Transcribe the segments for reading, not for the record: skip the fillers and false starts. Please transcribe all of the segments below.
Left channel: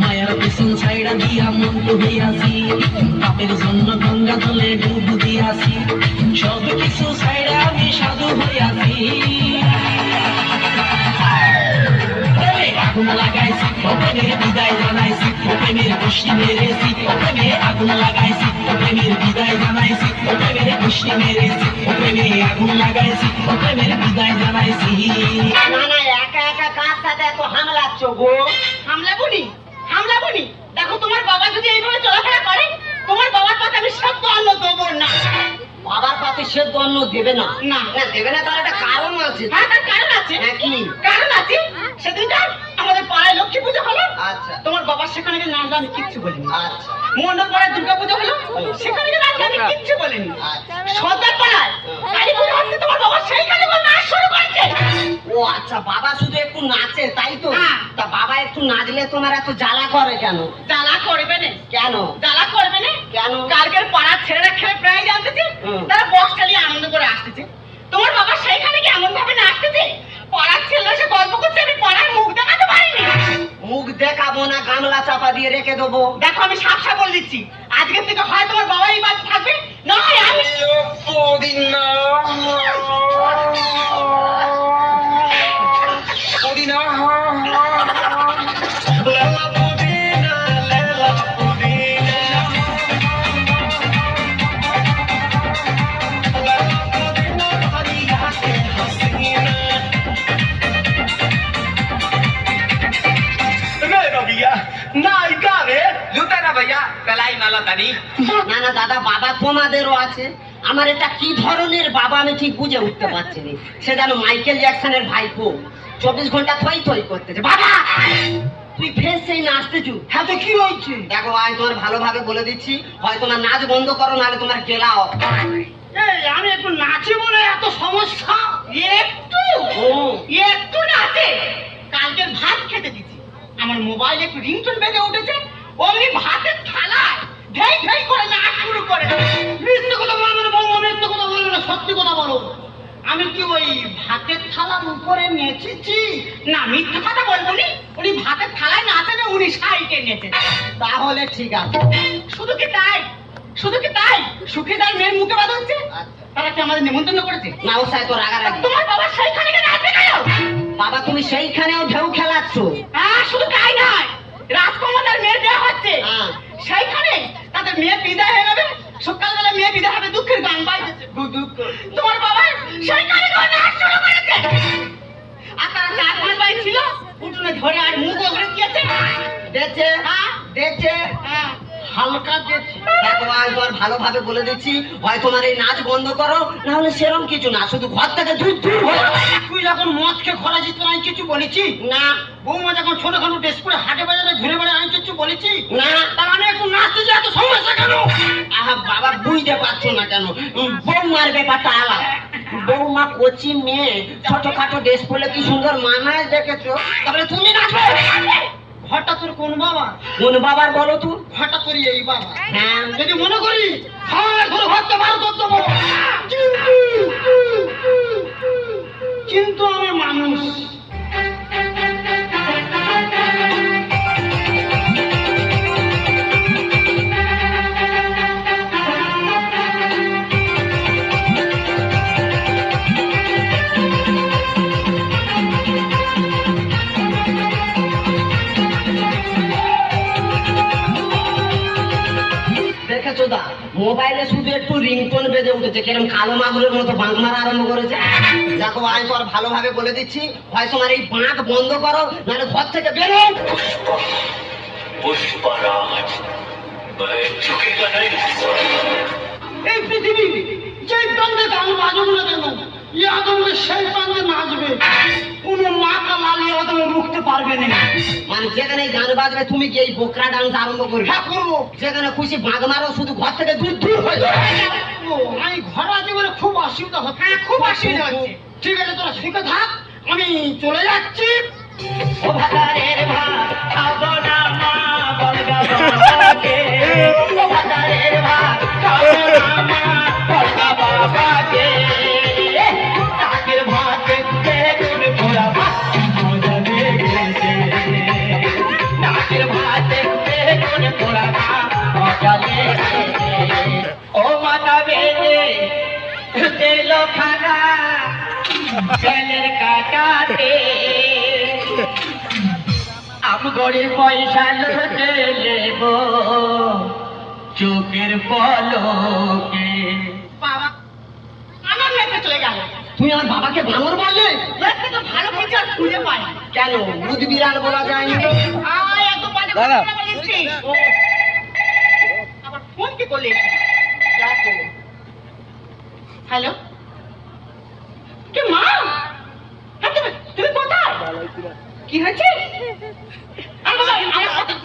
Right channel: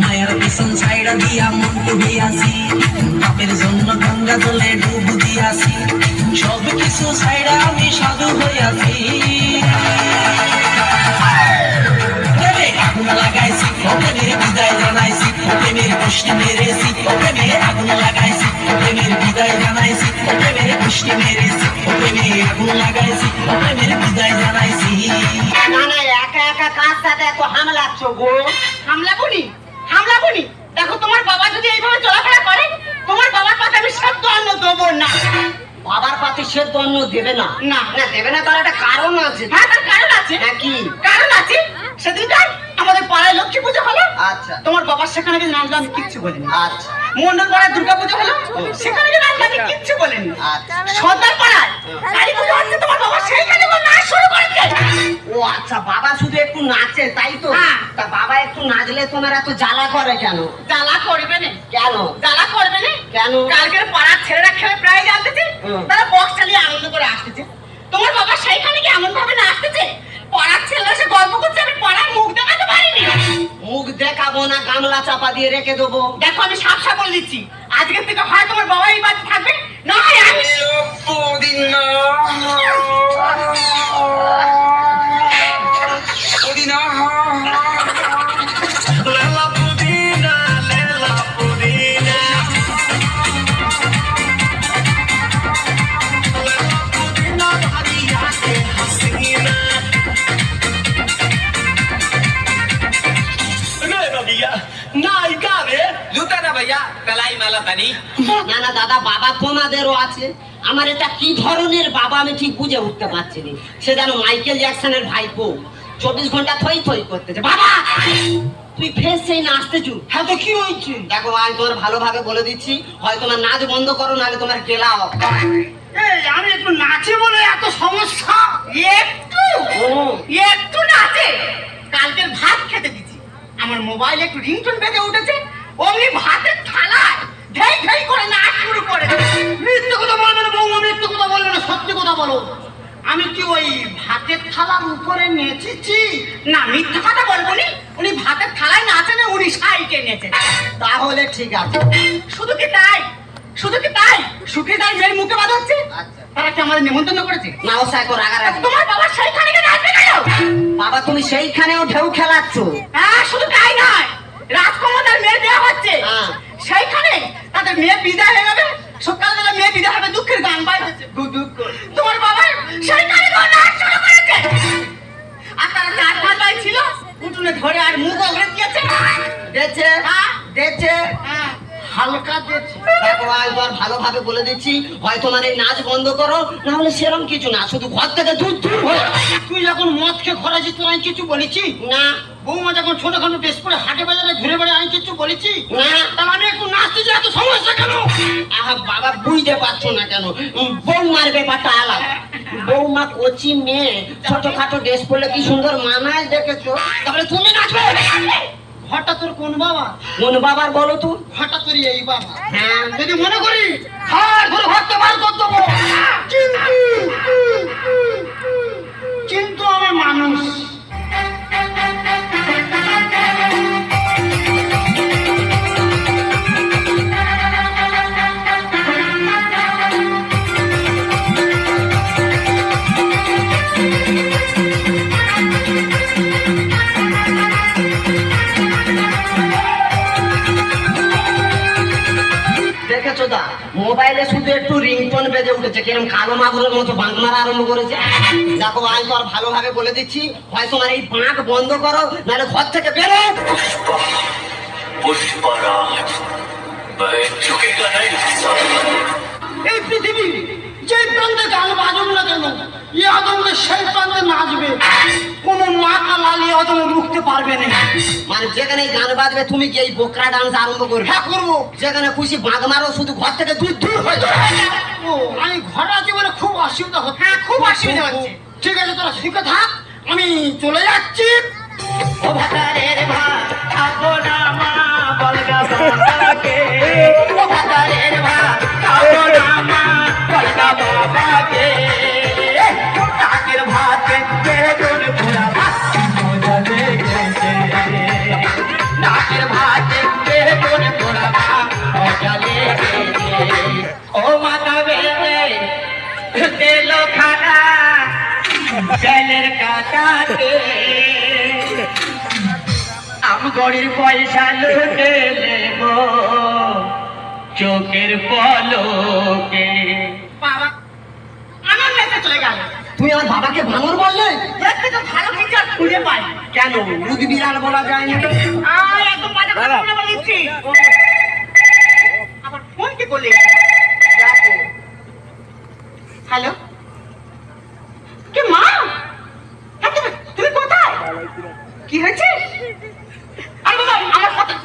মায়ের পিছন ছাইড়া দিয়া মন্টু হইয়াছি, বাপের জন্য গঙ্গা জলে ডুব দিয়াছি, সব কিছু ছাইড়া আমি সাধু হইয়াছি। আগুন লাগাইছি প্রেমের বিদায় জানাইছি, প্রেমের গোষ্ঠী মেরেছি, প্রেমে আগুন লাগাইছি প্রেমের বিদায় জানাইছি, প্রেমের গোষ্ঠী মেরেছি, প্রেমে আগুন লাগাইছি প্রেমের বিদায় জানাইছি। একা একা কার সাথে এত হামলাচ্ছ গো? হামলাবনি দেখো, তোমার বাবা যদি এইভাবে চলাফেরা করে, তোমার বাবার পাতে আমি সেদ্ধ অন্ন দেবো না। বাবার পাতে সেদ্ধ অন্ন দেবে না? না দেবে না, তার একটা কারণ আছে। হ্যাঁ, তার কারণ আছে। হ্যাঁ, কি কারণ আছে? সেদিনকার আমাদের পাড়ায় লক্ষ্মী পুজো হলো। আচ্ছা। তোমার বাবার সেখানে গিয়ে নাচলো, আমি কিচ্ছু বলিনি। আচ্ছা। মন্ডল পাড়ায় দুর্গা পুজো হলো, সেখানে গিয়ে নাচলো, আমি কিচ্ছু বলিনি। আচ্ছা। সর্দার পাড়ায় কালী পুজো হচ্ছে, তোমার বাবা সেইখানে নাচ শুরু করেছে। ও আচ্ছা, বাবা শুধু একটু নাচে তাই তো? তা বাবা একটু নাচলে তোমার এত জ্বালা করে কেন? জ্বালা করবে না কেন? জ্বালা করবে না কেন? কালকের পাড়ার ছেলেরা খেলে প্রায় জানতেছে, তারা বক্স চালিয়ে আনন্দ করে আসতেছে। তোমার বাবা সেইখানে কি এমন ভাবে নাচতেছে, পাড়ার ছেলেরা সে গল্প করছে, আমি পাড়ার মুখ দেখাতে পারিনি। মুখ দেখাবো না, গামলা চাপা দিয়ে রেখে দেবো। দেখো, আমি সাপ বলে দিচ্ছি, আজকের থেকে হয় তোমার বাবা এই বাড়িতে থাকবে, না হয় আমি। না দাদা, বাবা তোমাদেরও আছে। আমার এটা কি ধরনের বাবা আমি ঠিক বুঝে উঠতে পারছি না। সে যেন মাইকেল জ্যাকসনের ভাইপো, 24 ঘন্টা থই থই করতেছে। বাবা তুই ফের সেই নাচতেছু? হ্যাঁ, তো কি হয়েছে? দেখো, আমি তোমার ভালোভাবে বলে দিচ্ছি, হয় তোমার নাচ বন্ধ করো, নাহলে তোমার গেলাও। আমি একটু নাচি বলে এত সমস্যা? একটু নাচে? কালকের ভাত খেতে দিচ্ছি, আমার মোবাইলে একটু রিংটোন বেজে উঠেছে, অমনি ভাতের থালায় ঢেই ঢেই করে নাচ শুরু করে। মিথ্যে কথা বলবে না বৌমা, মিথ্যে কথা বলবে না, সত্যি কথা বলো। আমি কি ওই ভাতের থালার উপরে নেচেছি? না, মিথ্যে কথা বলবো নি। উনি ভাতের থালায় নাচেন, উনি সাইকে নেচেন। তাহলে ঠিক আছে। শুধু কি তাই? সুখী তাই মেয়ের মুখে বাদ হচ্ছে। তারা কি আমাদের নিমন্ত্রণ করেছে? না, ও সাই তো রাগারাগি। তোমার বাবা সেইখানে নাচবে কেন? বাবা তুমি সেইখানেও ঢেউ খেলাচ্ছ। হ্যাঁ, শুধু তাই নয়, রাজকুমার মেয়ে দেওয়া হচ্ছে, সেইখানে তাদের মেয়ে বিদায় হয়ে যাবে। সকালবেলা মেয়ে বিদায় হবে, দুঃখের গান বাজছে। তোমার বাবা সেইখানে নাচ শুরু করেছে, আর তারা 4-5 ভাই ছিল, উঠোনে ধরে আর মুখ অগ্রে দিয়েছে। দেখছে হালকা দেখছি। দেখো, আমি তোমার ভালোভাবে বলে দিচ্ছি, হয় তোমার এই নাচ বন্ধ করো, না হলে সেরকম কিছু না, শুধু ঘর থেকে দূর হলো। তুই যখন মদ খেয়ে খরাছি, তোর আমি কিছু বলেছি না? বৌমা যখন ছোটখাটো ড্রেস করে হাটে বাজারে ঘুরে বেড়ে, আমি কিছু বলেছি না? তার আমি একটু নাচতেছি, এত সমস্যা কেন? আহা বাবা, বুঝতে পারছো না কেন? বৌমার ব্যাপারটা আলাদা। বৌমা কচি মেয়ে, ছোটখাটো ড্রেস পরলে কি সুন্দর মানায়, দেখেছো? তাহলে তুমি নাচবে? ঘরটা তোর কোন বাবা? কোন বাবার বলো তো? ঘরটা তোর এই বাবা। হ্যাঁ, যদি মনে করি ঘর ঘরে ঘরটা বার করে দেবো, কিন্তু আমার মানুষ দেখেছো দা, মোবাইলে শুধু একটু রিংটোন বেজে উঠেছে, কিরম কালো মাগুরের মতো বাঁক মারা আরম্ভ করেছে। দেখো আজ তো আর ভালোভাবে বলে দিচ্ছি, হয় তোমার এই বাঁক বন্ধ করো, নাহলে ঘর থেকে বেরো। এই পৃথিবী যে প্রান্তে গান বাজুক না কেন, ই আদমকে সেই প্রান্তে নাচবে, কোনো মাথা লালিয়ে আদমে রুখতে পারবে না। মানে যেখানে গান বাজবে তুমি কি এই বোকরা ডান্স আরম্ভ করবে? হ্যাঁ করবো। যেখানে খুশি বাঁক মারো, শুধু ঘর থেকে দূর দূর হয়ে যাবে। ও আমি ঘরে আছি বলে খুব অসুবিধা হচ্ছে। হ্যাঁ খুব অসুবিধা হচ্ছে। ঠিক আছে তোরা শিখে থাক, আমি চলে যাচ্ছি। ও ভাতারের ভাত খাবো না মা, বলগা বাবাকে। ও ভাতারের ভাত খাবো না মা, বলগা বাবাকে। কাকের ভাতে বেগুন পোড়া ভাত মজা লেগেছে, কাকের ভাতে বেগুন পোড়া ভাত মজা লেগেছে। ও মাতা বেলে দিল খানা বেলের কাটাতে, আমগড়ির পয়সা লুটে নেব চোখের পলকে। বাবা আমার নেতা চলে গেল। তুমি আমার বাবাকে বানর বললে? একটা তো ভালো ফিচার খুঁজে পাই। কেন বুদ্ধি বিড়াল বলা যায় না? এত বাজে কথা বলেছি। আবার ফোন কি করলে? দেখো। হ্যালো, কে মা? তুমি কোথায়? কি হয়েছে?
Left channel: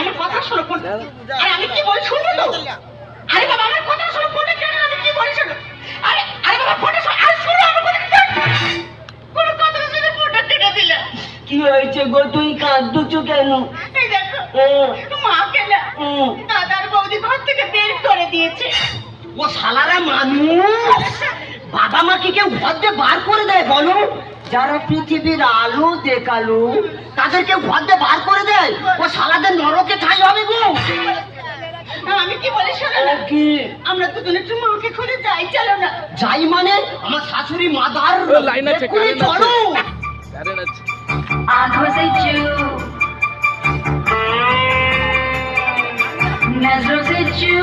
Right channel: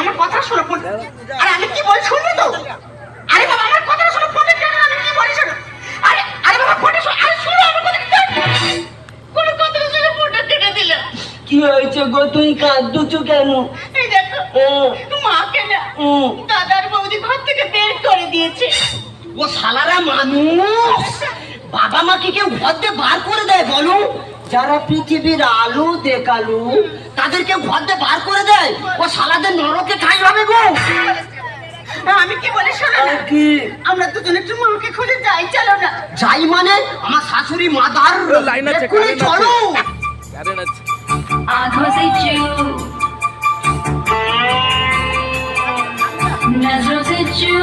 আমার কথা শোনো। আরে আমি কি বলি শুনবে তো? আরে বাবা আমার কথা শোনো, ফোনে কেন? আমি কি বলি শোনো। আরে আরে বাবা ফোনটা শোনো। আরে শোনো আমার কথা। কোন কথা শুনে ফোনটা কেটে দিলে। কি হয়েছে গো, তুই কাঁদছো কেন? এই দেখো মাকে না দাদার বৌদি ঘর থেকে বের করে দিয়েছে। ও শালারা মানুষ, বাবা মাকে কেউ ঘর দিয়ে বার করে দেয় বলো? যারা পৃথিবীর আলো দেখালো তাদেরকে ঘর দিয়ে বার করে দেয়? ও শালাদের নরকে ঠাই হবে গো। আমি কি বলি শোনো না, কি আমরা দুজনে একটু মাকে খুঁজে যাই। চলো না। যাই মানে? আমার শাশুড়ি মাদার লাইন আছে, চলো। आँखों से चू, नजरों से चू,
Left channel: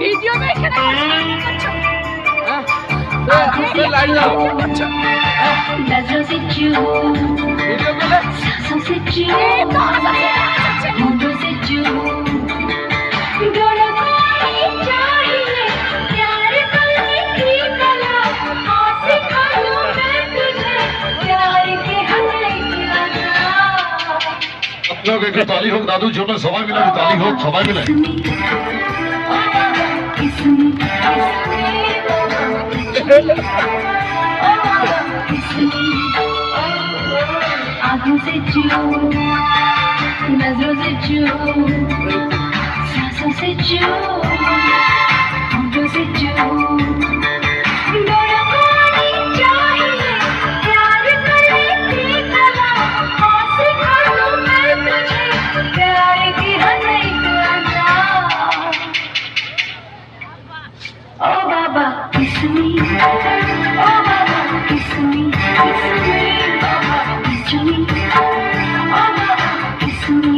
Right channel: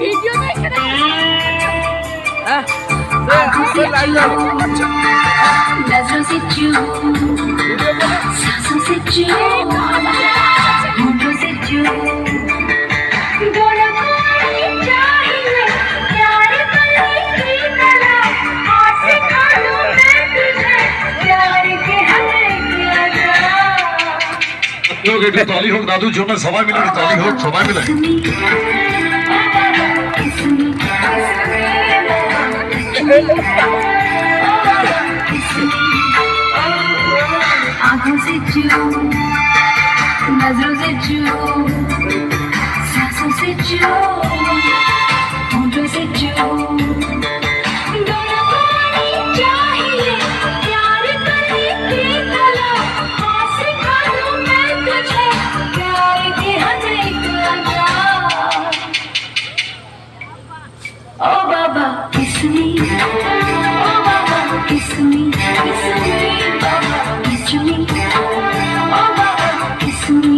वीडियो देख आँखों से चू, नजरों से चू, सांसों से चू, होंठों से चू, दोनों को चाहिए प्यार करने की कला, हाथ से खा लूं मैं तुझे प्यार के हमें লোক একটু তালি হোক দাদুর জন্য, সবাই মিলে একটু তালি হোক, সবাই মিলে। आँखों से चू, नजरों से चू, सांसों से चू, होंठों से चू, दोनों को चाहिए प्यार करने की कला, हाथ से खा लूं मैं तुझे प्यार की हर एक अदा। ओ बाबा किस me, ओ बाबा किस me, बाबा किस me, ओ बाबा किस me।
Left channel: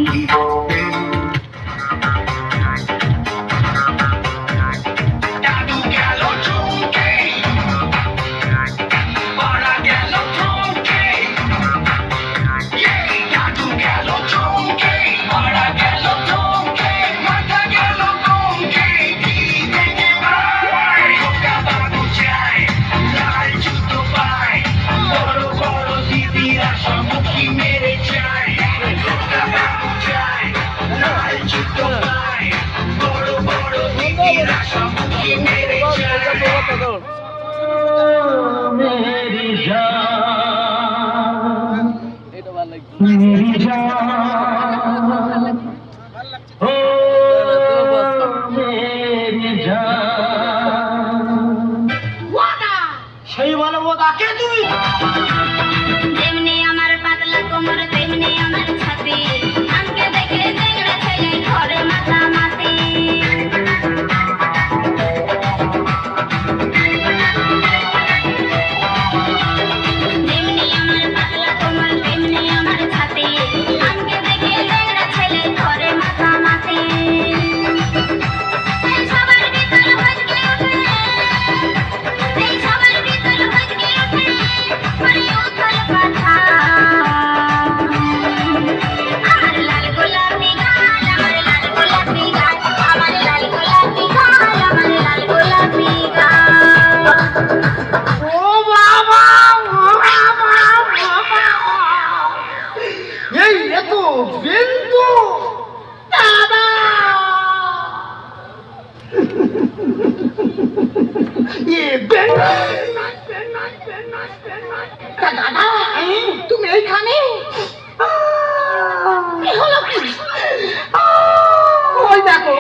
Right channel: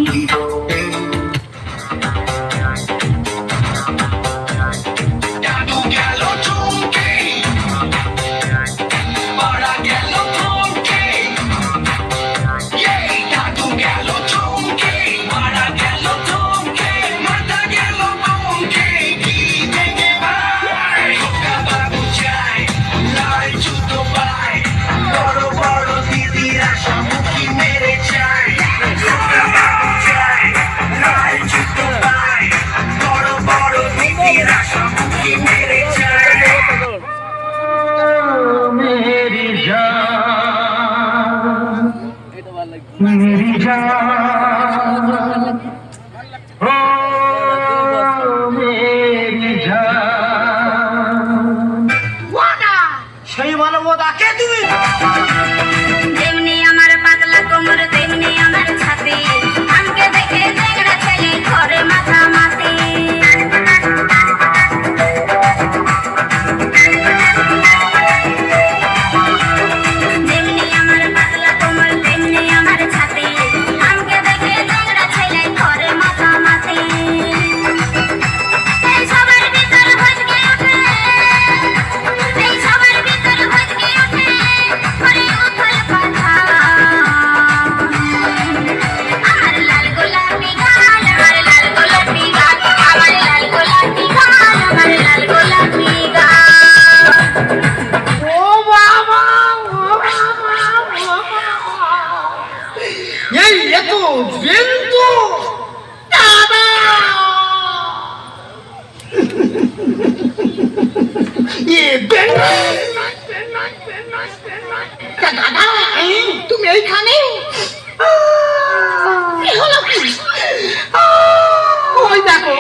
मेरी जान দাদা কে তুমি? যেমনি আমার পাতলা কোমর তেমনি আমার ছাতি, আমাকে দেখে চ্যাংড়া ছেলে ঘরে মাতামাতি। যেমনি আমার পাতলা কোমর তেমনি আমার ছাতি, আমাকে দেখে চ্যাংড়া ছেলে ঘরে মাতামাতি। এই সবার ভিতর ভজকে ওঠে, এই সবার ভিতর ভজকে ওঠে করে উথল পাথার। আমার লাল গোলাপি গাল, আমার লাল গোলাপি গাল, আমার লাল গোলাপি গাল, আমার লাল গোলাপি গাল। ও বাবা, ও বাবা, ও বাবা। এই এ তো বিন্দু দাদা। এ বিন্দু দাদা, তুমি এইখানে? কি হলো কি? ওই দেখো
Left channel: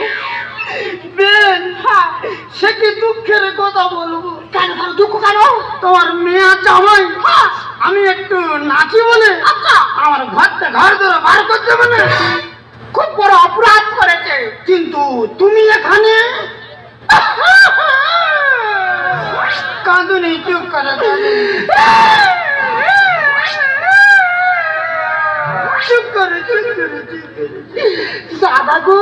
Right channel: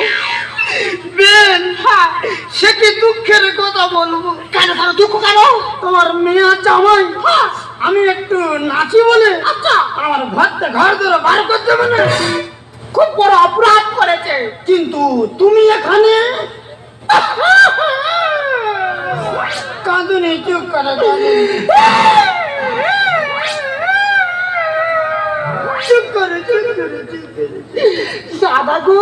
বেন, সে কি দুঃখের কথা বলবো। কেন কেন দুঃখ কেন? তোমার মেয়ে জামাই আমি একটু নাচি বলে আচ্ছা আমার ঘর ধরে বার করতে মানে খুব বড় অপরাধ করেছে, কিন্তু তুমি এখানে কাঁদুনি, চুপ করে চুপ করে চুপ করে চুপ করে। দাদা গো,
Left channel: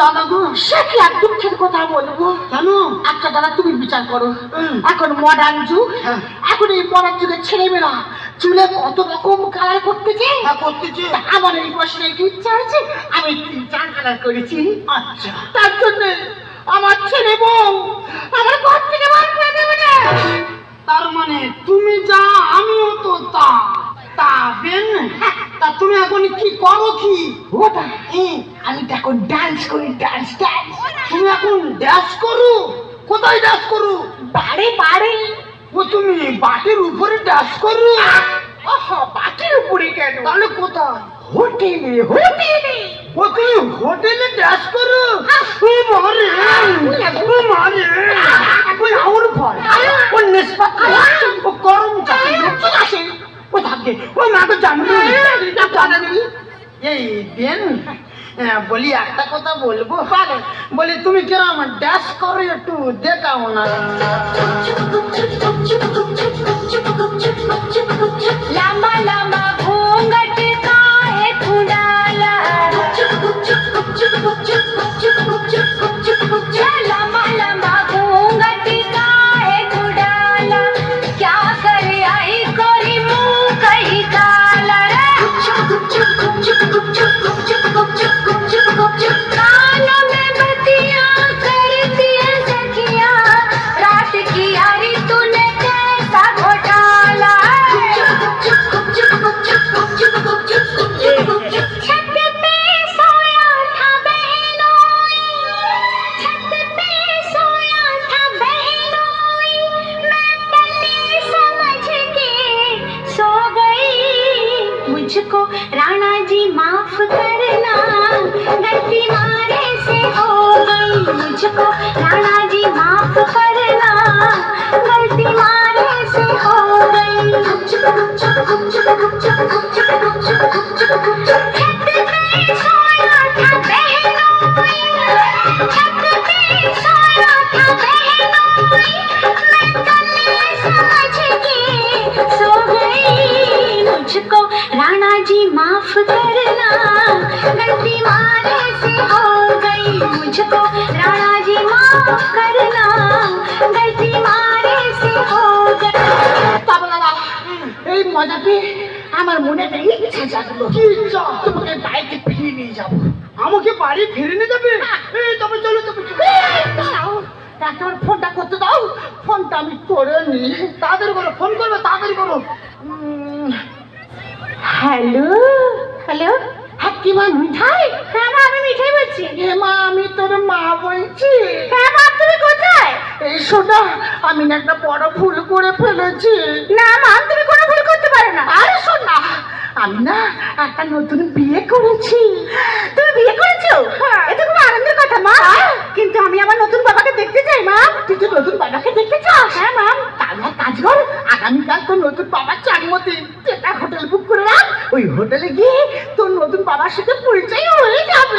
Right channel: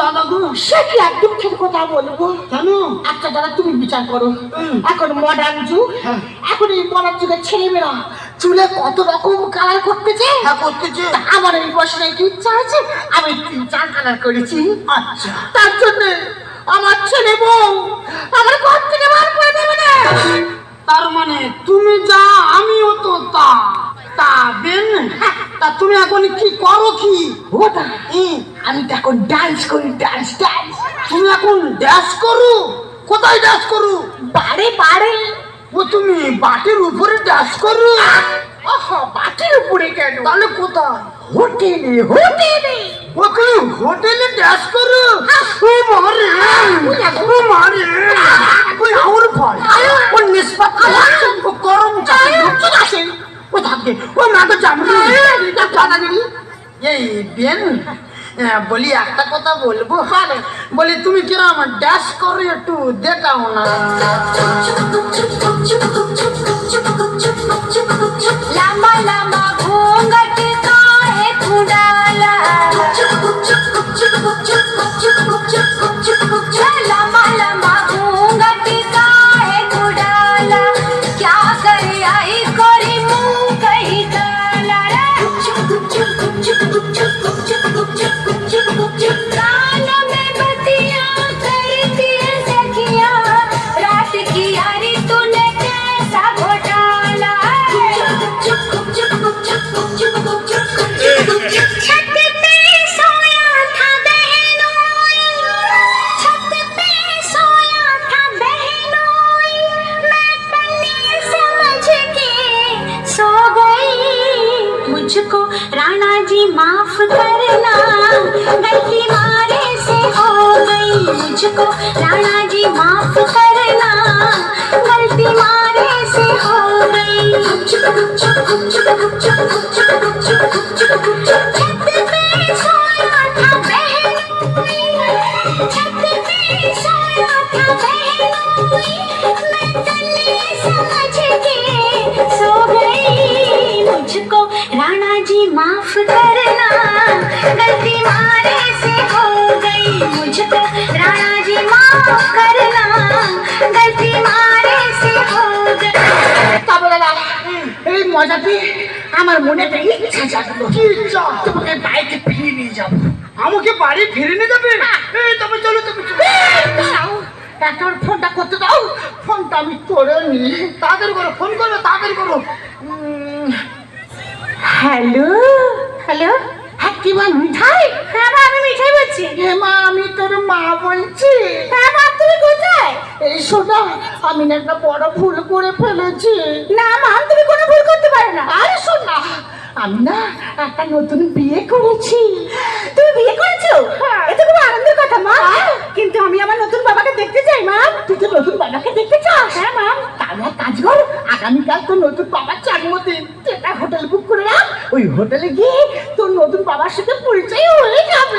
দাদা গো, সে কি এক দুঃখের কথা বলবো। কেন? আচ্ছা দাদা তুমি বিচার করো, এখন মডার্ন যুগ, এখন এই মডার্ন যুগের ছেলেমেয়েরা চুলে কত রকম কালার করতেছে। করতেছে। আমার এই বয়সে একটু ইচ্ছা আছে, আমি 3-4 কালার করেছি। আচ্ছা, তার জন্য আমার ছেলে বউ আমার ঘর থেকে বার করে দেবে না। তার মানে তুমি যা আমিও তো তা। তা বেন, তা তুমি এখন কি করো? কি ওটা আমি তো এখন ডান্স করি, ডান্স ডান্স। তুমি এখন ডান্স করো? কোথায় ডান্স করো? বাড়ি বাড়ি। ও তুমি বাটির উপরে ডান্স করো? আহা, বাটির উপরে কেন? তাহলে কোথায়? হোটেলে। হোটেলে? ও তুমি হোটেলে ডান্স করো? ও মারে, ও মারে, ওই আউর ফল, ও নিষ্পাত, ও গরম চাই আছে, ও থাকে, ও মাকে জামলি দাদাগিরি। এই বেন, বলি একটা কথা বলবো, বলি তুমি কিরম ড্যাশ করো একটু দেখাও না। लामा लामा घूंघट काहे खुडाला, लामा लामा घूंघट काहे खुडाला, क्या कर आई कोरी मुंह कही काला। कानों में बत्तियां करती है सखियां, रात की यारी तूने कैसा घोटाला। छत पे सोया था बहनोई, छत पे सोया था बहनोई, मैं पन्नी समझ के सो गई। मुझको राणा जी माफ करना, गलती मारे से हो गई। मुझको राणा जी माफ करना, गलती मारे से हो गई। छत पे सोया था बहनोई, छत पे सोया था बहनोई, मैं कन्नी समझ के सो गई। मुझको राणा जी माफ करना, गलती मारे से हो गई। मुझको राणा जी माफ करना, गलती मारे से हो गई। তবে দাদা, এই মজাতে আমার মনে একটা ইচ্ছা জাগলো। কি ইচ্ছা? তোমাকে বাড়িতে ফিরিয়ে নিয়ে যাবো। আমাকে বাড়ি ফিরিয়ে নিয়ে যাবে? এই তবে চলো, তবে দাঁড়াও, একটা ফোনটা করতে দাও। ফোনটা আমি করে নি। তাড়াতাড়ি করো, ফোন করবে, তাড়াতাড়ি করো। হ্যালো হ্যালো, হ্যাঁ কি মা, মিঠাই? হ্যাঁ মা, আমি মিঠাই বলছি। হে মা, আমি তোর মা বলছি। হ্যাঁ মা, তুমি কোথায়? এই শোনা, আমি না একটা বড় ভুল করে ফেলেছি। না মা, তুমি কোনো ভুল করতে পারো না। আরে শোনা, আমি না একটা নতুন বিয়ে করেছি। তুমি বিয়ে করেছো? এটা খুব আনন্দের কথা মা। কিন্তু আমি আমার নতুন বাবাকে দেখতে চাই মা। তুই তো নতুন বাবাকে দেখতে চাস? হ্যাঁ মা। তাহলে কাজ কর, আগামীকাল তোর নতুন বাবার জন্মদিন, একটা হোটেল বুক করে রাখ। ওই হোটেলে গিয়ে তোর নতুন বাবার সাথে পরিচয় হয়ে যাবে।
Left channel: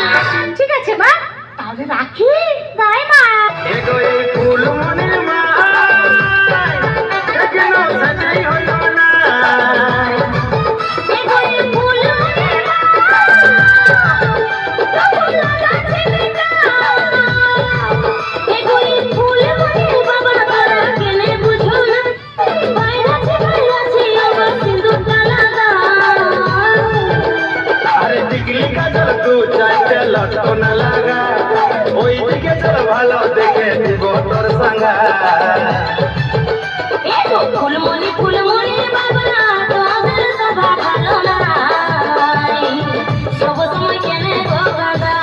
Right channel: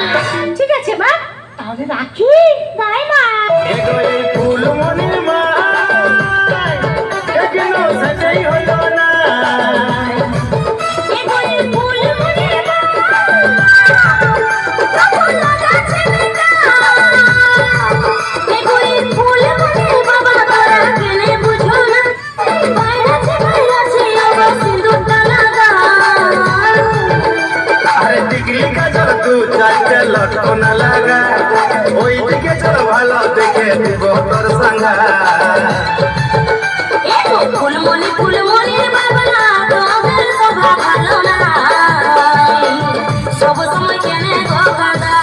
ঠিক আছে মা, তাহলে রাখি। বাই মা। আরে টিকলি কাজল তু চাইতে লটকনা লাগা, ওই দিকে চল ভালো দেখে দিব তোর সঙ্গা। ফুলমণি ফুলমণি বাবা তোদের সভা ভালো না, সব সময় কেনে গো গাদা।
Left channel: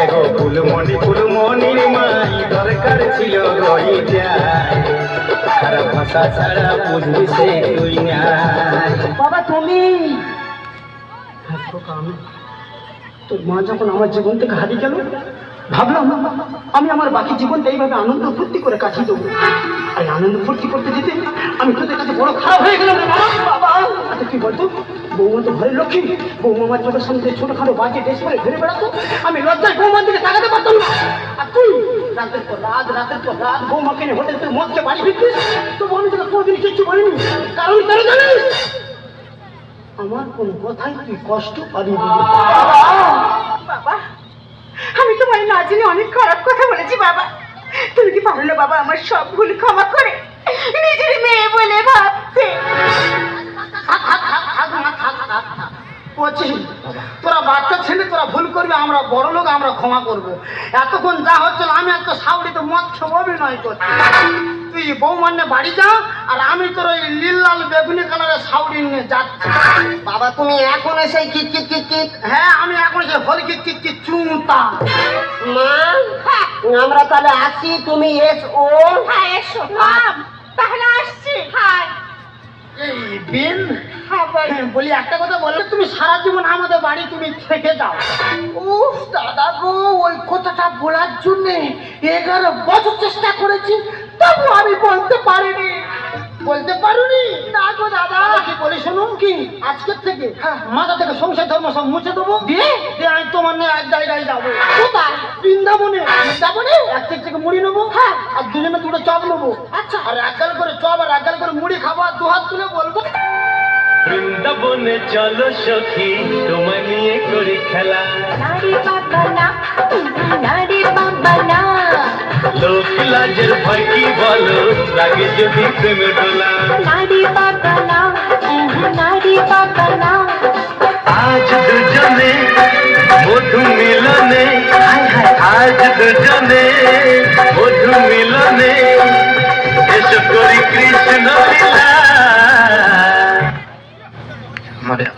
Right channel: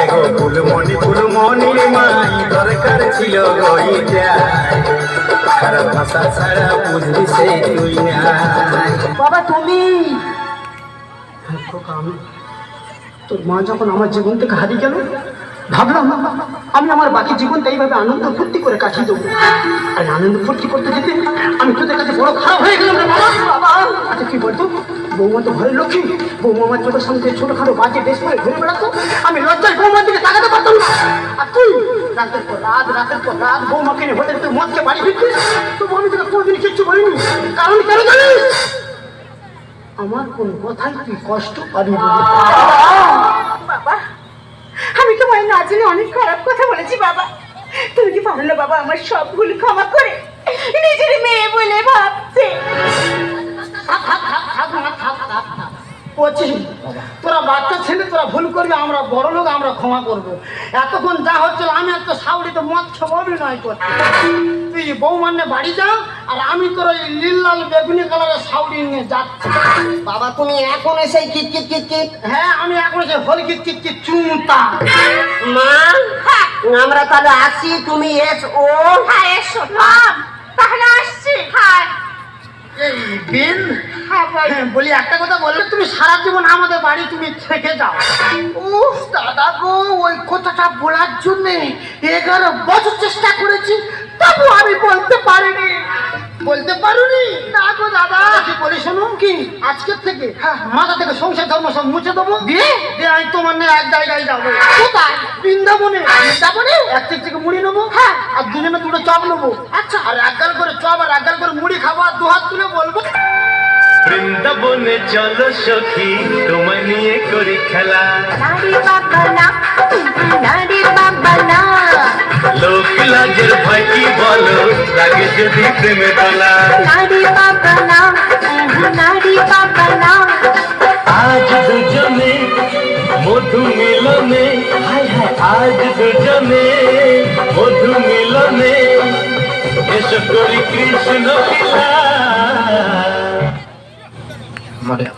এগো ফুলমণি ফুলমণি মাই দরকার ছিল গইটা, আর ভাষা ছাড়া বুঝবি সে তুই না। বাবা তুমি, আমি তোর মা যখন আমার জীবন থেকে হারিয়ে গেল, ভাবলাম আমি আমার বাকি জীবনটা এইভাবে আনন্দ ফুর্তি করে কাটিয়ে দেবো। আর আনন্দ ফুর্তি করতে যেতে আমি তোদের কাছে বড় খারাপ হয়ে গেলাম রে বাবা। বাবা আচ্ছা কি বলতো, বৌমা তো ঘরের লক্ষ্মী, বৌমা আমার চোখের সামনে ছোটখাটো বাজে ড্রেস পরে ঘুরে বেড়াতো, আমি লজ্জায় বৌমার দিকে তাকাতে পারতাম না। আর তুই রাতের পর রাত বৌমাকে নিয়ে হোটেল তুই মদকে বাড়ি ফিরছিস, তবু আমি তোকে কোনোদিন কিচ্ছু বলিনি। কারণ কেন জানিস? আমার কোন কথাই তুই কষ্ট পাবি না। বাবা আমি তোমার না জেনে অনেক খারাপ কথা বলেছি বাবা, তুমি কি পারলে বাবা আমার সব ভুল ক্ষমা করে নিজের মেয়ে বলে ভাবতে। তোরা বাচ্চা ছেলে, তোরা ভুল করবি, আমরা বড় লোক, আমরা ক্ষমা করবো। এতক্ষণ যা হচ্ছিল আমি একটা সাউরিতে মদ খেয়ে অভিনয় করছি। তুই বৌমান্নে বাড়ি যা, আর আমি তোর ওই নীল লাল বেগুনি কালারের সাউরি নিয়ে যাচ্ছি। বাবা তুমি এখন এসে কিট কিট কিট কিট। হ্যাঁ আমি এখন এসে হল কিট কিট কিট চুমতা। মা আমরা তাহলে আসি, তুমি এসো। হ্যাঁ এসো তাহলে আসছি। হ্যাঁ এই বিন, বলি একটা কথা বললে, তুমি সারা জীবন আমাদের বাড়ি তুমি থেকে যাও। উফ দাদা গো, ওই কথাটা বলার জন্য 11 বছর চেষ্টা করেছি, তবু আমি বলতে পারিনি। বলতে পারুনি? না গো দাদা। কি বলি শোনো, কি আজকের থেকে মাথা থেকে সংসার ধর্ম সব মুছে দেবো, দিয়ে আমি তোমার নিয়ে এক জায়গায় যাবো। কোথায়? বৃন্দাবনে। বৃন্দাবনে এক থেকে মুড়ি নেবো, হ্যাঁ, আর দুজনে দুটো চপ নেবো। আচ্ছা, আর এক গাল করে চপ আর এক গাল করে মুড়ি খাবো, আর দু হাত তুলে বলবো বৃন্দাবনে চলো সখী তোমায় নিয়ে করি খেলা। নারী বাবা না, নারী বাবা না, লোক লাজের ভয় কি বলো, লাগে যদি প্রেমে দোলা। নারী বাবা না, নারী বাবা না। আজ দুজনে মধু মিলনে, আজ দুজনে মধু মিলনে, এসো করি কৃষ্ণ লীলা।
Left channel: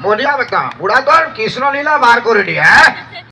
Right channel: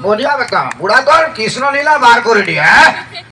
বলিয়া বেটা বুড়া তোর কৃষ্ণ লীলা বার করে দিয়ে, হ্যাঁ